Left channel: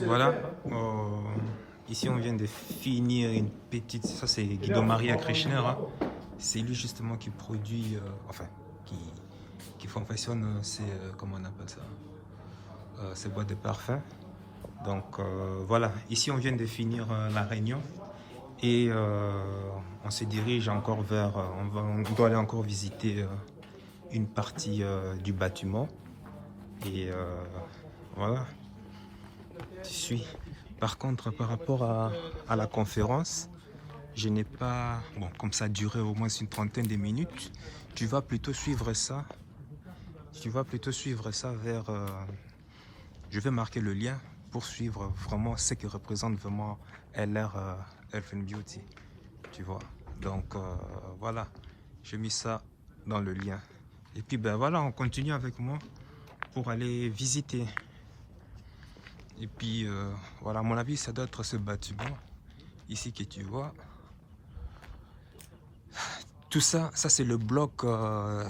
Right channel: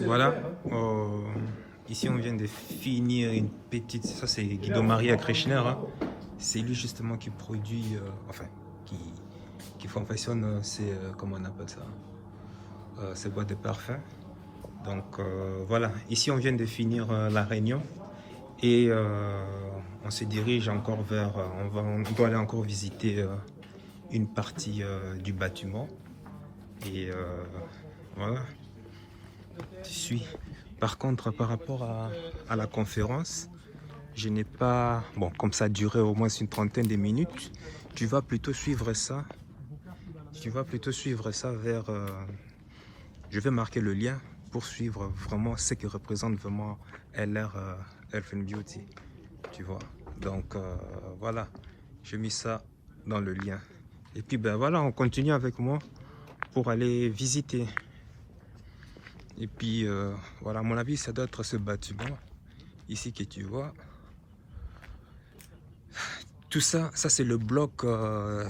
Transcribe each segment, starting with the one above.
Voilà. Ici, on vient de finir une petite... Ça, c'est Guido Maria Krishner. Hein. C'est lui, justement, qui produit... enfin, qui confectionne ces... comment on appelle ça, ces boîtes de parfum. Donc, voilà. Ici, on vient de finir la réunion. Et on se dirige encore vers... on doit aller encore visiter une partie du bâtiment. Et voilà. Je suis... Par contre, par rapport à la conférence, je n'ai pas... Bon, comme ça a duré au moins une trentaine de minutes, tu vas plutôt suivre ça. Tu vas plutôt suivre ça vers... je vais marquer le lien pour suivre vraiment ce que représente vraiment LR Health and Beauty. Tu vois. Donc, voilà. J'ai mis ça dans le lien. Et puis, ben voilà, on continue avec moi pour aller visiter. Et puis, voilà, à mon avis, ça doit être ce bâtiment ici que tu vois. Tout ça, ça c'est le bloc,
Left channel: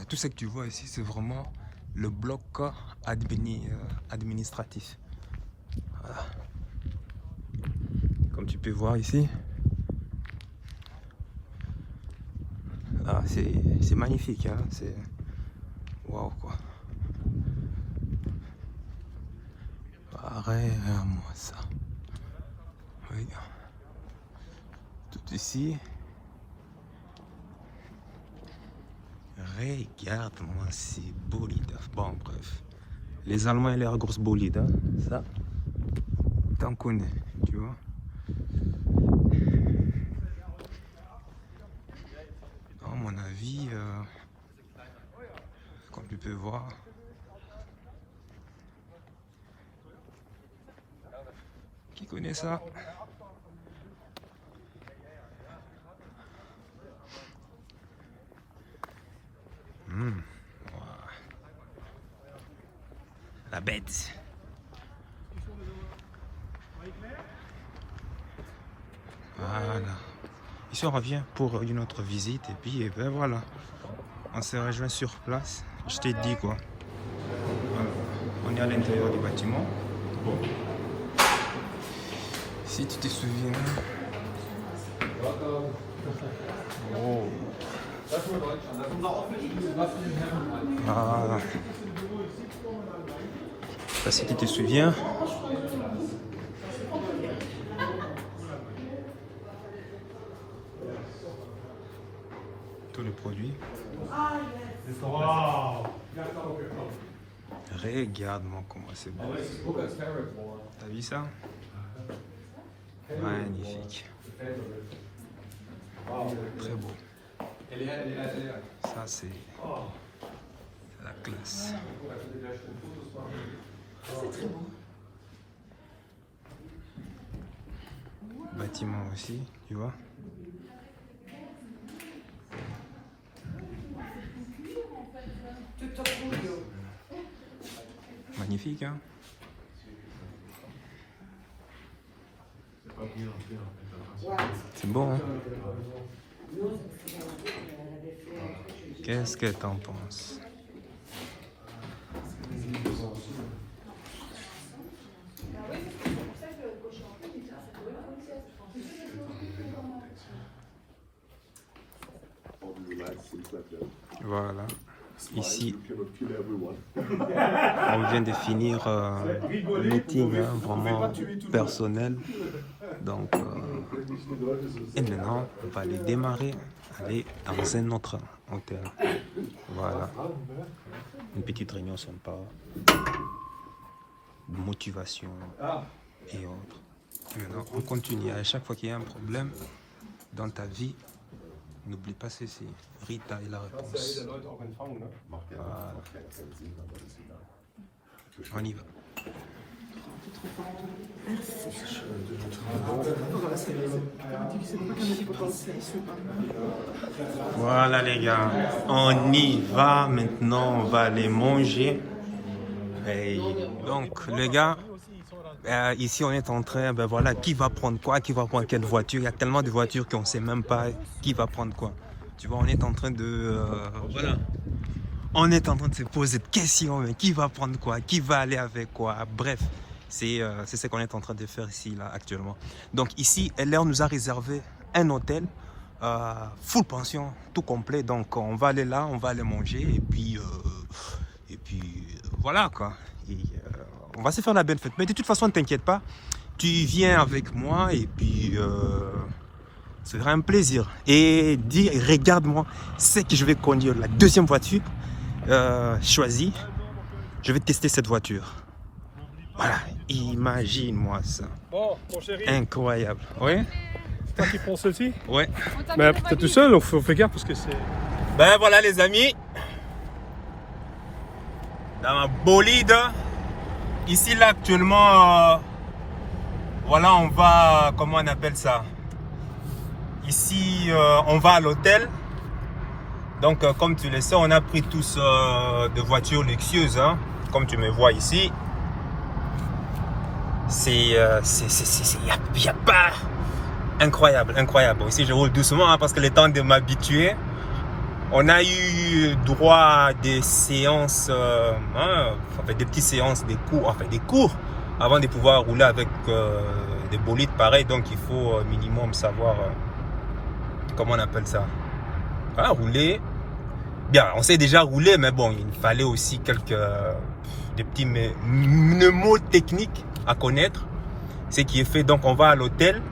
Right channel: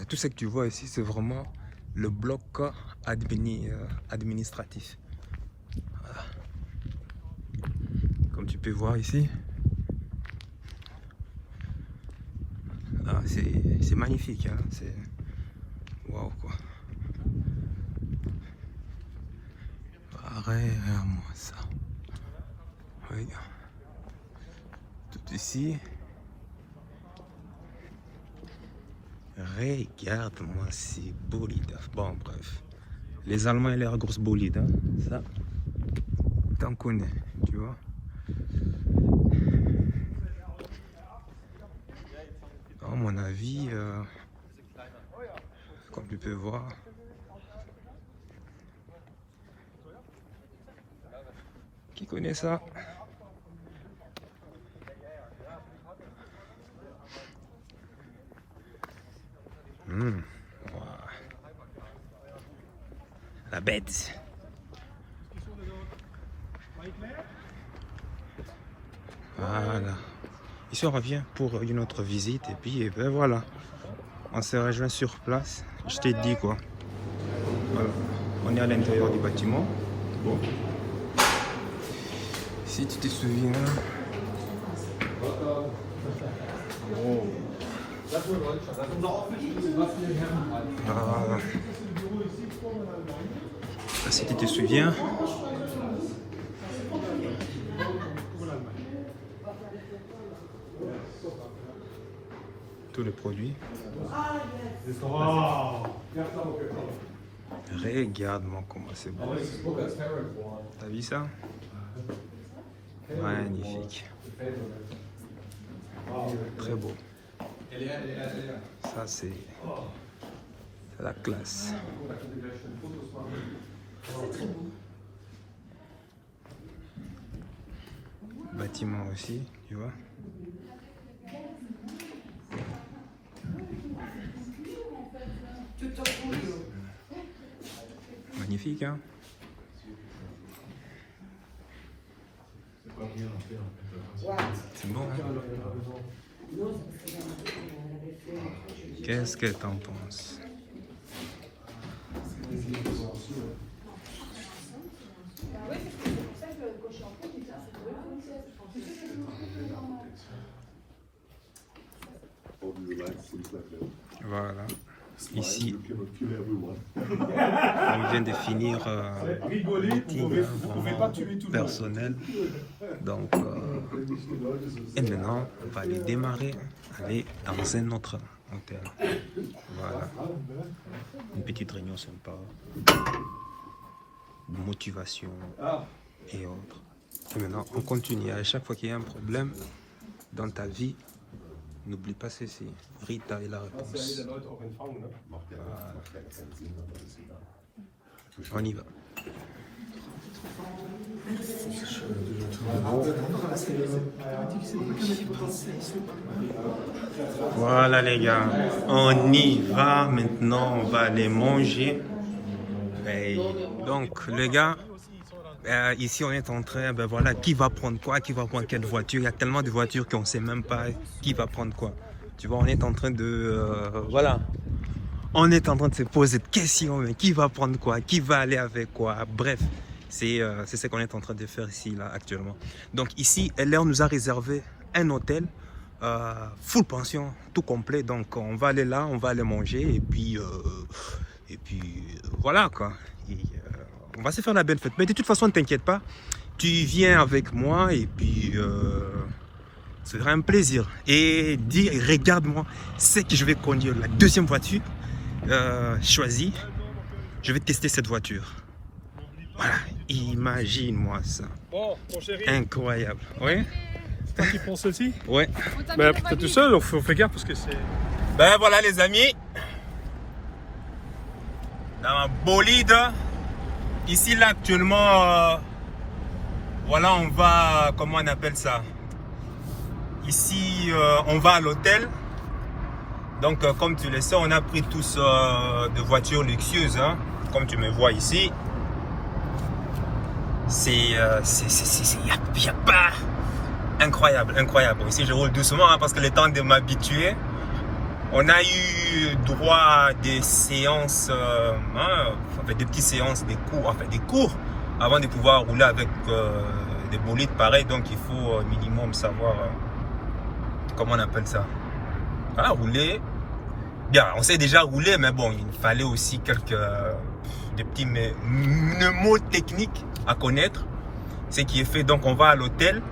tout ce que tu vois ici, c'est vraiment le bloc administratif. Voilà. Comme tu peux voir ici, c'est magnifique, hein? C'est waouh quoi. Regarde-moi ça. Regarde. Tout ici. Regarde-moi ces bolides. Bon, bref. Les Allemands, ils ont l'air grosse bolide. Hein? Ça, t'en connais, tu vois. À mon avis, comme tu peux voir, qui connaît ça? Wow. La bête. Voilà. Ici on revient pour une autre visite et puis ben voilà. On se rejoint sur place. Je t'ai dit quoi. Voilà. On est à l'intérieur du bâtiment. Bon. Si tu te souviens. Oh. Ah. Si tu te souviens. Tous les produits. Regarde-moi comment c'est beau. T'as vu ça? Magnifique. Très beau. Ça c'est la classe. Bâtiment aussi, tu vois. Magnifique, hein? C'est beau, hein? Qu'est-ce que t'en penses? Voilà. Ici, on vient de finir le meeting vraiment personnel. Donc, et maintenant, on va aller démarrer, aller dans un autre hôtel. Voilà. Une petite réunion sympa, de motivation et autres. Et maintenant, on continue. À chaque fois qu'il y a un problème dans ta vie, n'oublie pas ceci. Rita est la réponse. Voilà. On y va. Voilà les gars, on y va maintenant, on va aller manger. Et donc les gars, ici on est en train, ben voilà, qui va prendre quoi, qui va prendre quelle voiture. Il y a tellement de voitures qu'on ne sait même pas qui va prendre quoi. Tu vois, on est en train de, voilà, on est en train de se poser des questions, mais qui va prendre quoi, qui va aller avec quoi, bref. C'est ce qu'on est en train de faire ici, là, actuellement. Donc ici, LR nous a réservé un hôtel, full pension, tout complet. Donc on va aller là, on va aller manger, et puis voilà, quoi. Et, on va se faire la belle fête. Mais de toute façon, ne t'inquiète pas, tu viens avec moi, et puis ce sera un plaisir. Et dis, regarde-moi, c'est que je vais conduire la deuxième voiture choisie. Je vais tester cette voiture. Voilà, imagine-moi ça. Bon, mon chéri. Incroyable. Ouais. C'est toi qui prends celle-ci? Ouais. Mais t'es tout seul, on fait gaffe parce que c'est... Ben voilà les amis. Dans ma bolide. Ici là actuellement. Voilà, on va... Comment on appelle ça? Ici, on va à l'hôtel. Donc, comme tu le sais, on a pris tous des voitures luxueuses. Hein, comme tu me vois ici. Il y a pas... Incroyable, incroyable. Ici, je roule doucement hein, parce que le temps de m'habituer. On a eu droit à des séances, des petites séances, des cours avant de pouvoir rouler avec des bolides pareils. Donc, il faut minimum savoir, comment on appelle ça. Voilà, rouler. Bien, on sait déjà rouler, mais bon, il fallait aussi des petits mnémotechniques à connaître. Ce qui est fait, donc on va à l'hôtel.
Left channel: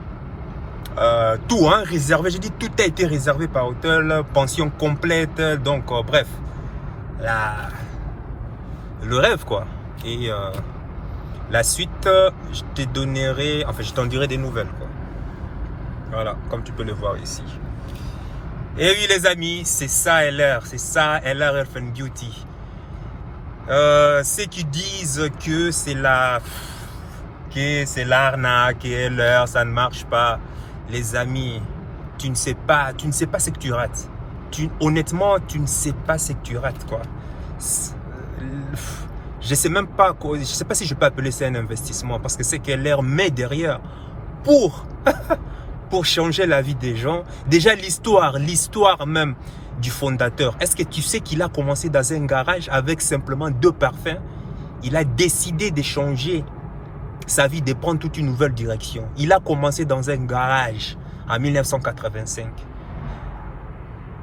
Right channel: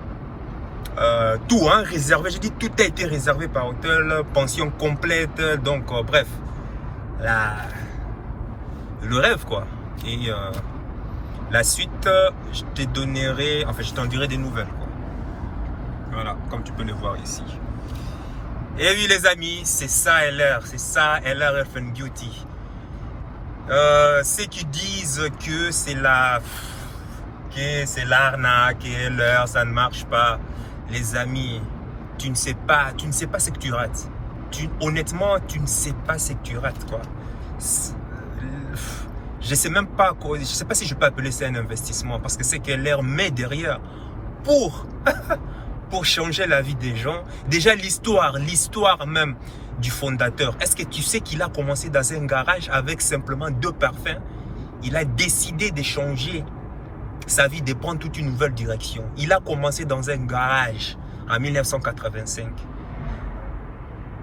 Tout, hein, réservé. J'ai dit tout a été réservé par hôtel, pension complète. Donc, bref, le rêve, quoi. Et la suite, je te donnerai, enfin, je t'en dirai des nouvelles, quoi. Voilà, comme tu peux le voir ici. Et oui, les amis, c'est ça LR, c'est ça LR Health and Beauty. Ceux qui disent que c'est l'arnaque et LR, ça ne marche pas. Les amis, tu ne sais pas ce que tu rates. Honnêtement, tu ne sais pas ce que tu rates, quoi. Je sais même pas, je sais pas si je peux appeler ça un investissement parce que c'est que LR met derrière pour changer la vie des gens. Déjà l'histoire même du fondateur. Est-ce que tu sais qu'il a commencé dans un garage avec simplement 2 parfums? Il a décidé de changer sa vie, de prendre toute une nouvelle direction. Il a commencé dans un garage en 1985.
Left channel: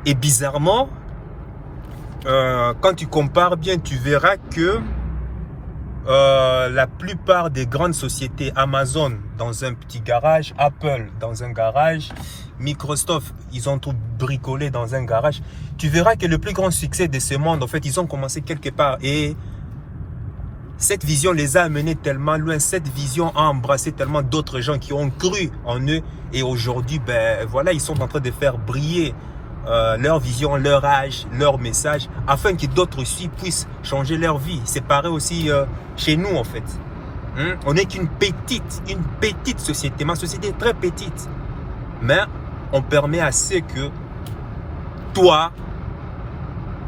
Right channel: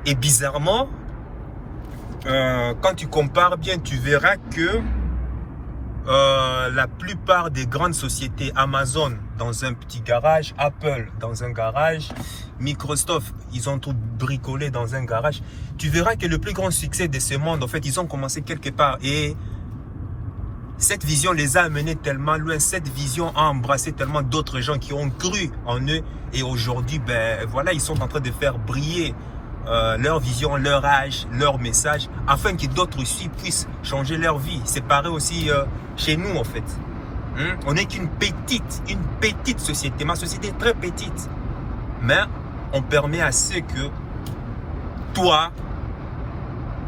Et bizarrement, quand tu compares bien, tu verras que la plupart des grandes sociétés, Amazon dans un petit garage, Apple dans un garage, Microsoft, ils ont tout bricolé dans un garage. Tu verras que le plus grand succès de ce monde, en fait, ils ont commencé quelque part. Et cette vision les a amenés tellement loin. Cette vision a embrassé tellement d'autres gens qui ont cru en eux. Et aujourd'hui, ben voilà, ils sont en train de faire briller leur vision, leur âge, leur message, afin que d'autres aussi puissent changer leur vie. C'est pareil aussi chez nous, en fait. On n'est qu'une petite société. Ma société est très petite. Mais on permet à ce que toi,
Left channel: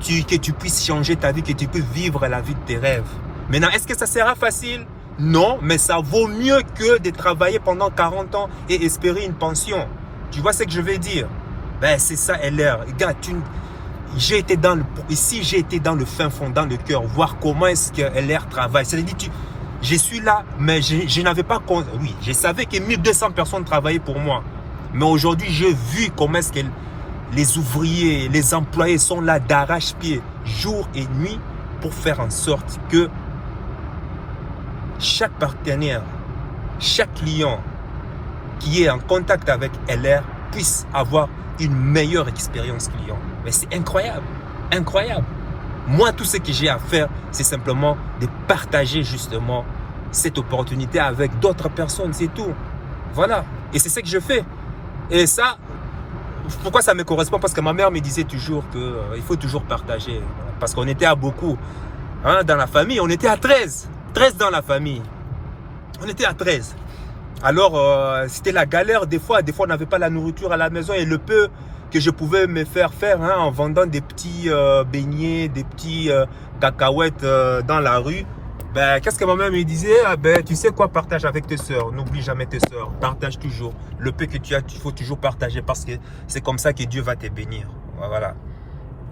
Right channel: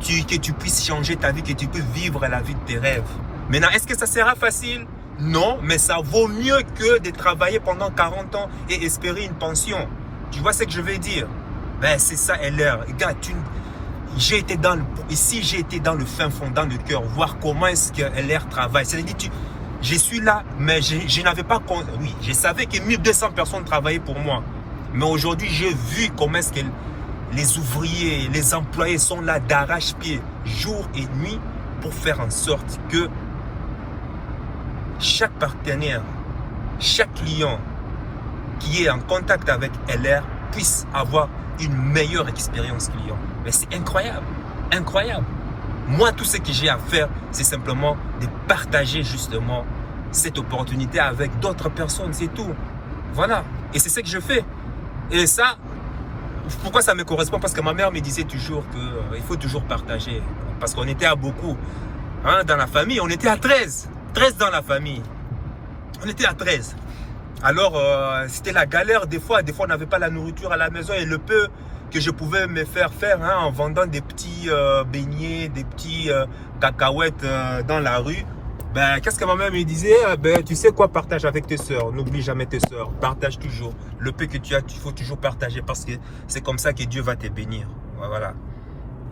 que tu puisses changer ta vie, que tu puisses vivre la vie de tes rêves. Maintenant, est-ce que ça sera facile? Non, mais ça vaut mieux que de travailler pendant 40 ans et espérer une pension. Tu vois ce que je veux dire? Ben, c'est ça, LR. Regarde, j'ai été dans le fin fond, dans le cœur, voir comment est-ce que LR travaille. C'est-à-dire, je suis là, mais je n'avais pas... Oui, je savais que 1200 personnes travaillaient pour moi. Mais aujourd'hui, j'ai vu comment est-ce que les ouvriers, les employés sont là d'arrache-pied, jour et nuit, pour faire en sorte que chaque partenaire, chaque client qui est en contact avec LR puisse avoir une meilleure expérience client. Mais c'est incroyable, incroyable. Moi, tout ce que j'ai à faire, c'est simplement de partager justement cette opportunité avec d'autres personnes, c'est tout. Voilà, et c'est ce que je fais. Et ça, pourquoi ça me correspond? Parce que ma mère me disait toujours qu'il faut toujours partager. Parce qu'on était à beaucoup, hein, dans la famille, on était à 13. 13 dans la famille. On était à 13. Alors, c'était la galère des fois. Des fois, on n'avait pas la nourriture à la maison. Et le peu que je pouvais me faire hein, en vendant des petits beignets, des petits cacahuètes dans la rue. Ben, qu'est-ce que ma mère me disait? Ben, tu sais quoi, partage avec tes soeurs. N'oublie jamais tes soeurs. Partage toujours. Le peu que tu as, il faut toujours partager parce que c'est comme ça que Dieu va te bénir. Voilà.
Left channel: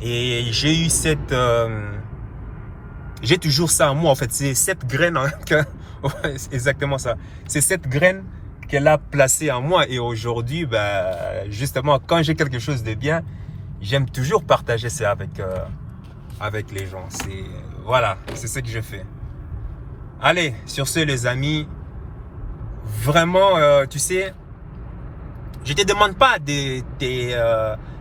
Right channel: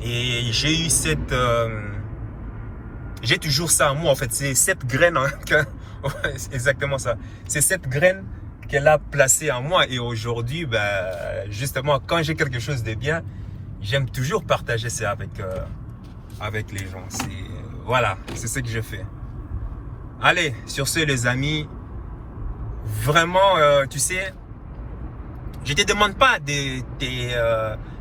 Et j'ai eu j'ai toujours ça en moi, en fait. C'est cette graine Ouais, c'est exactement ça. C'est cette graine qu'elle a placée en moi. Et aujourd'hui, ben, justement, quand j'ai quelque chose de bien, j'aime toujours partager ça avec les gens. Voilà, c'est ce que je fais. Allez, sur ce, les amis, vraiment, tu sais, je te demande pas de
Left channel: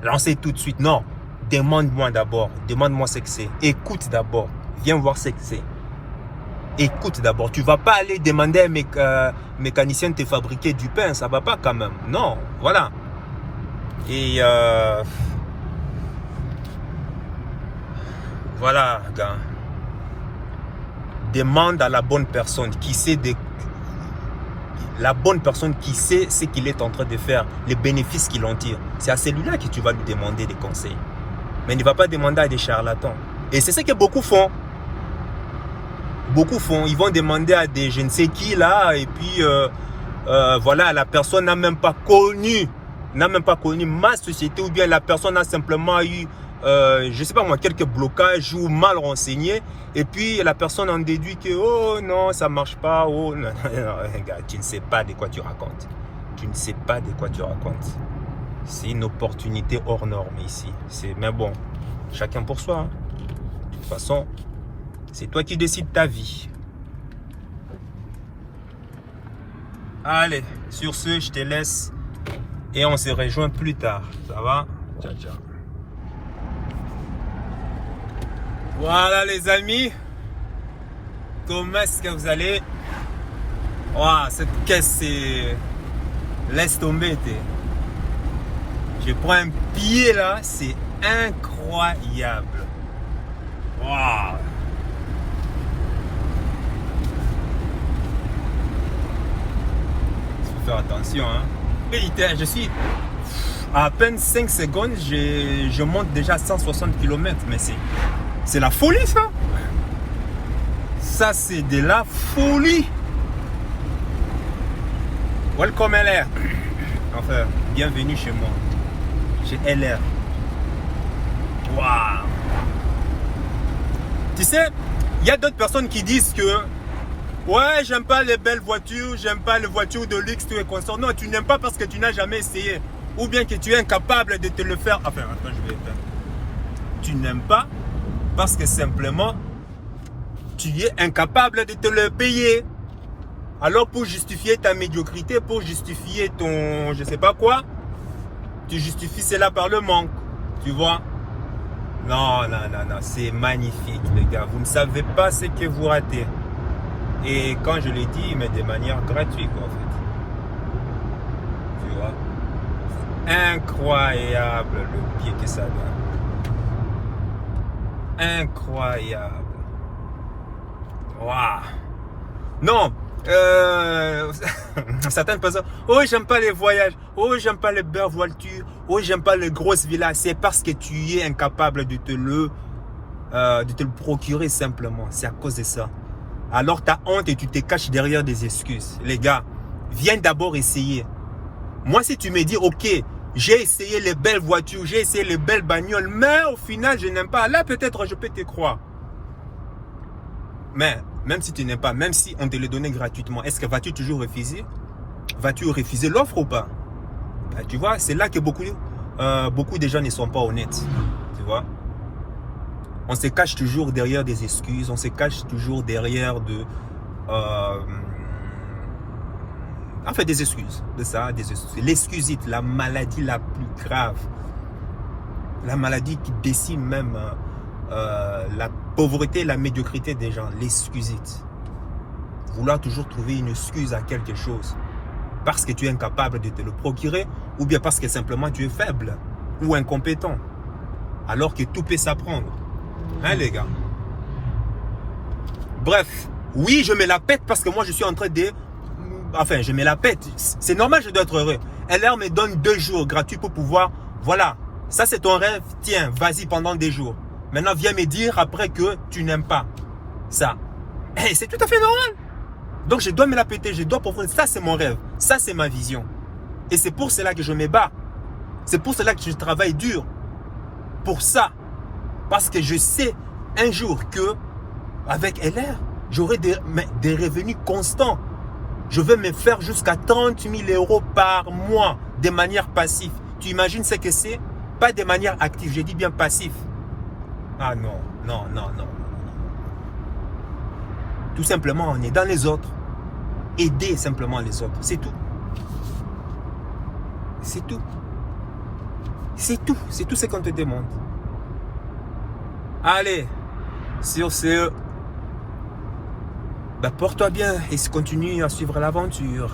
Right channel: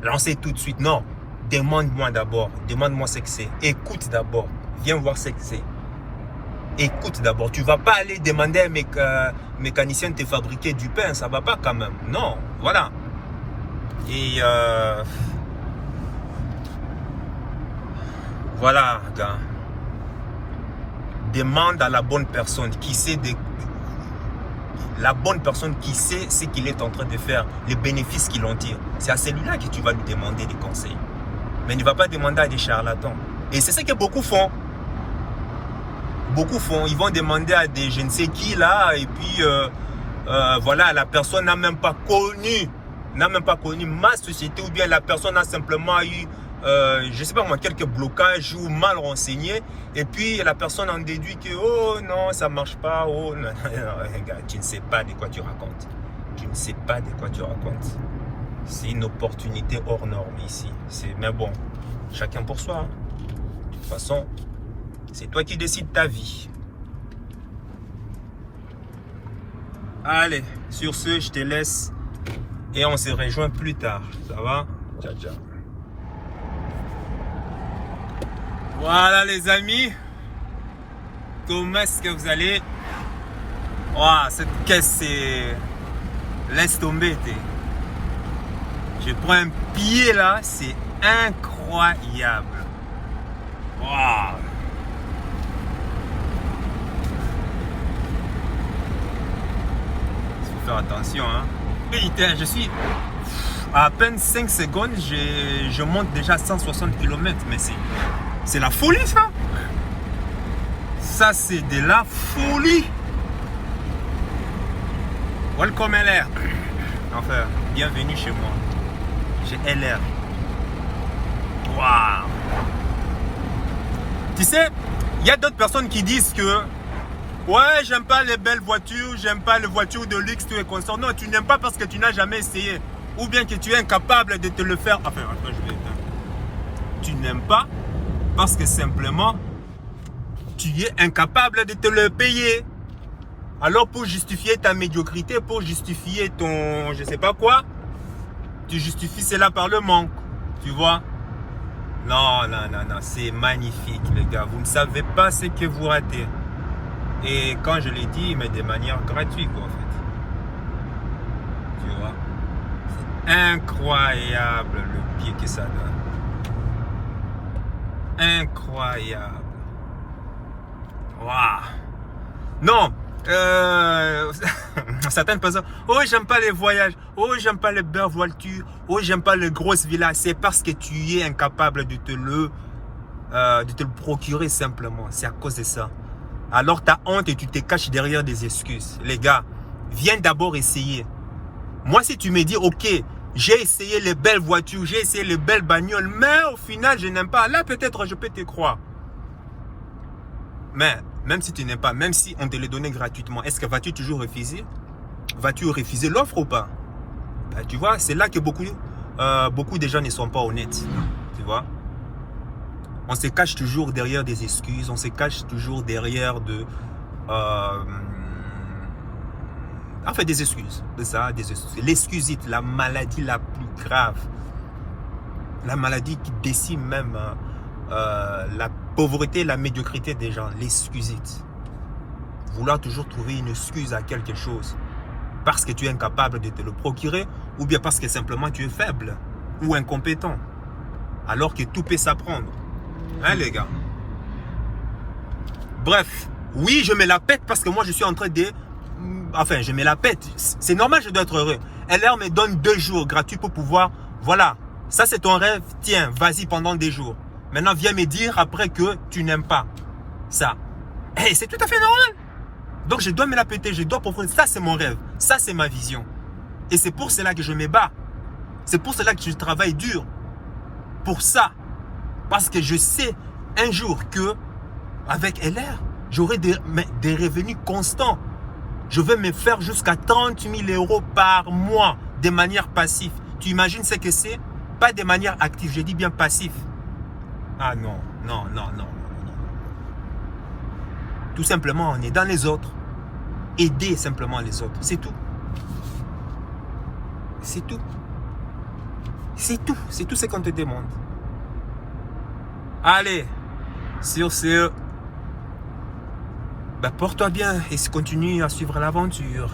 lancer tout de suite. Non, demande-moi d'abord. Demande-moi ce que c'est. Écoute d'abord. Viens voir ce que c'est. Écoute d'abord. Tu vas pas aller demander à un mécanicien de te fabriquer du pain. Ça va pas quand même. Non, voilà. Et voilà, gars. Demande à la bonne personne qui sait la bonne personne qui sait ce qu'il est en train de faire, les bénéfices qu'il en tire. C'est à celui-là que tu vas lui demander des conseils. Mais ne va pas demander à des charlatans. Et c'est ce que beaucoup font. Beaucoup font. Ils vont demander à des je ne sais qui là. Et puis, voilà, la personne n'a même pas connu ma société. Ou bien la personne a simplement eu, je ne sais pas moi, quelques blocages ou mal renseigné. Et puis, la personne en déduit que, oh non, ça ne marche pas. Oh, non, gars, tu ne sais pas de quoi tu racontes. Tu ne sais pas de quoi tu racontes. C'est une opportunité hors norme ici. Mais bon, chacun pour soi. Hein. De toute façon, c'est toi qui décides ta vie. Allez, sur ce, je te laisse. Et on se rejoint plus tard. Ça va? Ciao, ciao. Voilà les amis. Comment est-ce que vous allez? Wow, cette caisse, c'est... Laisse tomber, t'es. Je prends un pied là, c'est incroyable. Wow. Il faut faire attention, hein. Putain, je suis à peine 5 secondes, je monte déjà à 160 km, mais c'est la folie ça. Ça c'est de la folie. Welcome LR. Enfin, bienvenue chez moi. Chez LR. Waouh. Tu sais, il y a d'autres personnes qui disent que ouais, j'aime pas les belles voitures, j'aime pas les voitures de luxe, tout est consort. Non, tu n'aimes pas parce que tu n'as jamais essayé. Ou bien que tu es incapable de te le faire. Enfin, attends, je vais éteindre. Tu n'aimes pas parce que simplement, tu es incapable de te le payer. Alors, pour justifier ta médiocrité, pour justifier ton je sais pas quoi, tu justifies cela par le manque. Tu vois? Non, non, non, non. C'est magnifique, les gars. Vous ne savez pas ce que vous ratez. Et quand je l'ai dit, mais de manière gratuite, quoi, en fait. Tu vois? Incroyable le pied que ça donne. Incroyable. Waouh. Non. Certaines personnes, oh j'aime pas les voyages, oh j'aime pas les belles voitures, oh j'aime pas les grosses villas. C'est parce que tu es incapable de te le procurer simplement. C'est à cause de ça. Alors tu as honte et tu te caches derrière des excuses. Les gars, viens d'abord essayer. Moi si tu me dis ok, j'ai essayé les belles voitures, j'ai essayé les belles bagnoles, mais au final je n'aime pas, là peut-être je peux te croire. Mais même si tu n'aimes pas, même si on te le donnait gratuitement, est-ce que vas-tu toujours refuser? Vas-tu refuser l'offre ou pas? Ben, tu vois, c'est là que beaucoup de gens ne sont pas honnêtes. Tu vois? On se cache toujours derrière des excuses, on se cache toujours derrière enfin des excuses. De ça, des excuses. L'excusite, la maladie la plus grave. La maladie qui décime même la pauvreté, la médiocrité des gens, l'excusite. Vouloir toujours trouver une excuse à quelque chose parce que tu es incapable de te le procurer ou bien parce que simplement tu es faible ou incompétent alors que tout peut s'apprendre. Hein les gars? Bref, oui je me la pète parce que moi je suis en train de... Enfin je me la pète, c'est normal, je dois être heureux. LR me donne 2 jours gratuits pour pouvoir... Voilà, ça c'est ton rêve, tiens, vas-y pendant 2 jours. Maintenant, viens me dire après que tu n'aimes pas ça. Hey, c'est tout à fait normal. Donc, je dois me la péter, je dois profiter. Ça, c'est mon rêve. Ça, c'est ma vision. Et c'est pour cela que je me bats. C'est pour cela que je travaille dur. Pour ça. Parce que je sais un jour que, avec LR, J'aurai des revenus constants. Je veux me faire jusqu'à 30 000 € par mois de manière passive. Tu imagines ce que c'est? Pas de manière active, je dis bien passif. Ah non, non, non, non. Tout simplement, on est dans les autres. Aider simplement les autres, c'est tout. C'est tout. C'est tout. C'est tout ce qu'on te demande. Allez, sur ce, porte-toi bien et continue à suivre l'aventure.